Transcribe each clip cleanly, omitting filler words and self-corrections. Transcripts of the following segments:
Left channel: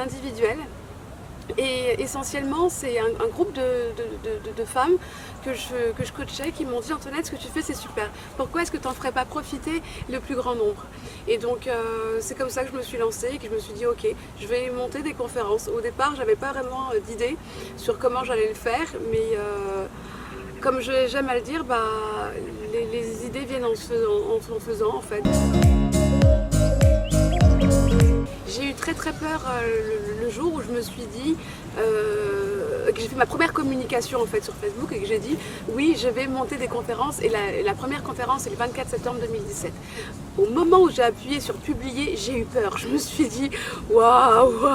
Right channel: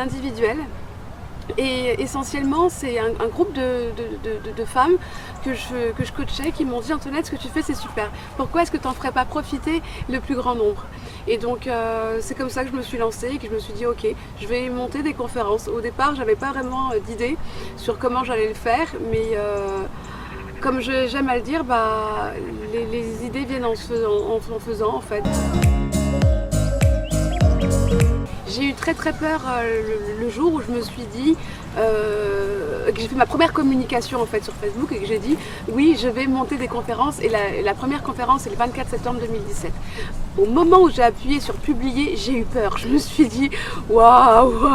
individuel. Et essentiellement, c'est un groupe de femmes que je coachais qui m'ont dit: Antoinette, ce que tu fais c'est super, pourquoi est-ce que tu n'en ferais pas profiter le plus grand nombre? Et donc c'est comme ça que je me suis lancée et que je me suis dit ok, je vais monter des conférences. Au départ, j'avais pas vraiment d'idée sur comment j'allais le faire, mais comme j'aime à le dire, les idées viennent en faisant en fait. J'ai eu très peur le jour où je me suis dit, que j'ai fait ma première communication en fait sur Facebook et que j'ai dit oui, je vais monter des conférences, et la première conférence c'est le 24 septembre 2017. Au moment où j'ai appuyé sur publier, j'ai eu peur. Je me suis dit waouh.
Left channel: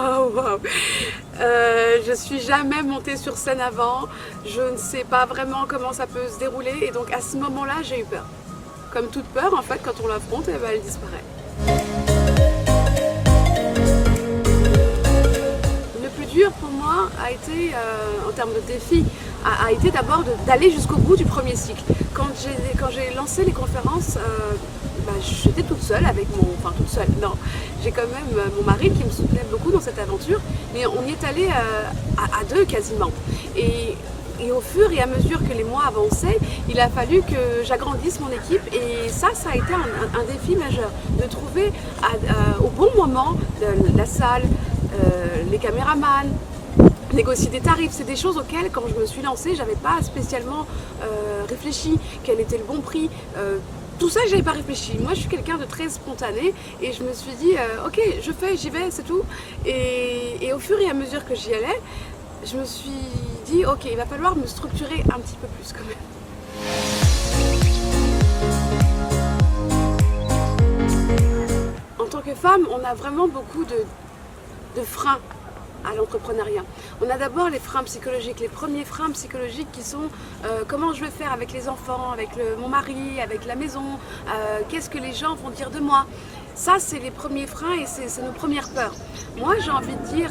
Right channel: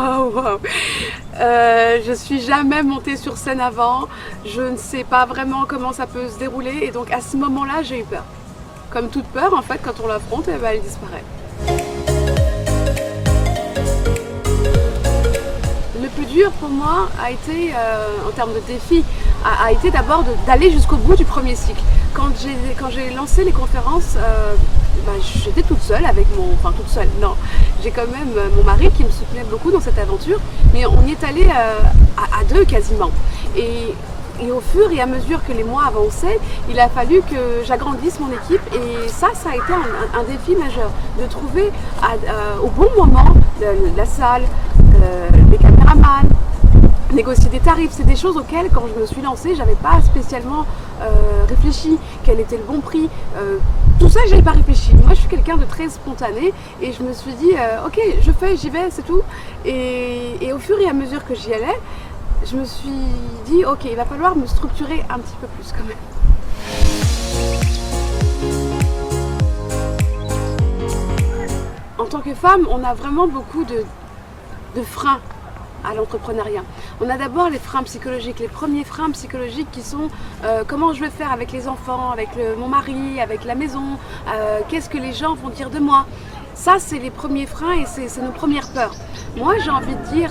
Je suis jamais montée sur scène avant, je ne sais pas vraiment comment ça peut se dérouler, et donc à ce moment-là j'ai eu peur. Comme toute peur en fait, quand on l'affronte, elle disparaît. Le plus dur pour moi a été, en termes de défi, a été d'abord d'aller jusqu'au bout du premier cycle. Quand j'ai lancé les conférences, j'étais toute seule avec toute seule, non. J'ai quand même mon mari qui me soutenait beaucoup dans cette aventure, mais on y est allé à deux quasiment. Et au fur et à mesure que les mois avançaient, il a fallu que j'agrandisse mon équipe, et ça a été un défi majeur, de trouver au bon moment la salle, les caméramans, négocier des tarifs. C'est des choses auxquelles, quand je me suis lancée, j'avais pas spécialement réfléchi, quel était le bon prix. Tout ça, j'avais pas réfléchi. Moi, je suis quelqu'un de très spontané, et je me suis dit ok, je fais, j'y vais, c'est tout. Et au fur et à mesure que j'y allais, je me suis dit ok, il va falloir me structurer un petit peu plus quand même. En tant que femme, on a vraiment beaucoup de freins à l'entrepreneuriat. On a d'abord les freins psychologiques, les premiers freins psychologiques qui sont comment je vais faire avec les enfants, avec mon mari, avec la maison, qu'est-ce que les gens vont dire de moi. Ça, c'est les premiers freins et c'est nos premières peurs. Moi, j'ai envie de dire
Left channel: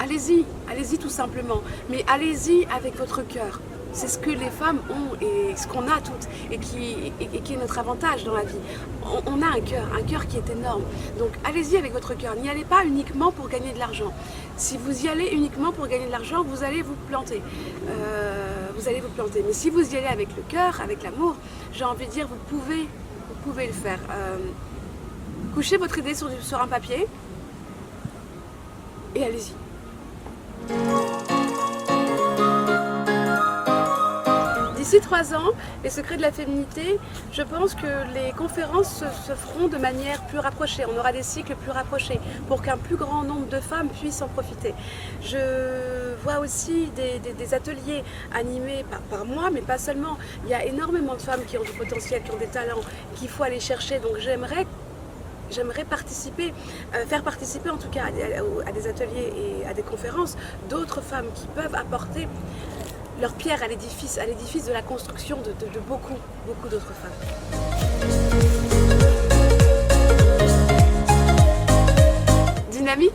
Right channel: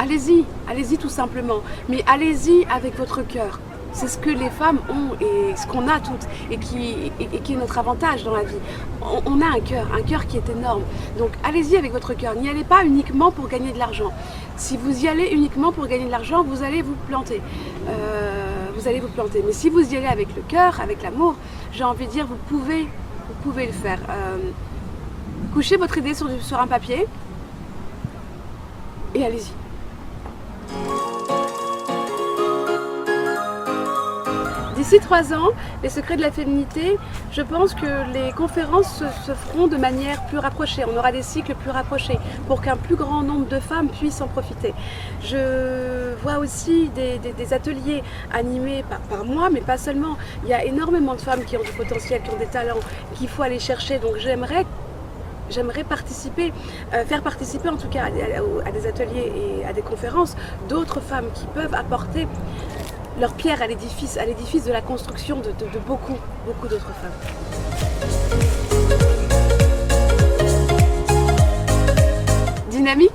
allez-y tout simplement, mais allez-y avec votre cœur. C'est ce que les femmes ont et ce qu'on a toutes, et qui est notre avantage dans la vie. On a un cœur qui est énorme. Donc allez-y avec votre cœur. N'y allez pas uniquement pour gagner de l'argent. Si vous y allez uniquement pour gagner de l'argent, vous allez vous planter. Mais si vous y allez avec le cœur, avec l'amour, j'ai envie de dire, vous pouvez le faire. Couchez votre idée sur un papier et allez-y. D'ici 3 ans, les secrets de la féminité, je pense que les conférences se feront de manière plus rapprochée. On aura des cycles plus rapprochés pour qu'un plus grand nombre de femmes puissent en profiter. Je vois aussi des ateliers animés par moi, mais pas seulement. Il y a énormément de femmes qui ont du potentiel, qui ont des talents, qu'il faut aller chercher. Donc j'aimerais participer, faire participer en tout cas à des ateliers et à des conférences d'autres femmes qui peuvent apporter leur pierre à l'édifice de la construction de beaucoup d'autres femmes. Dynamique ?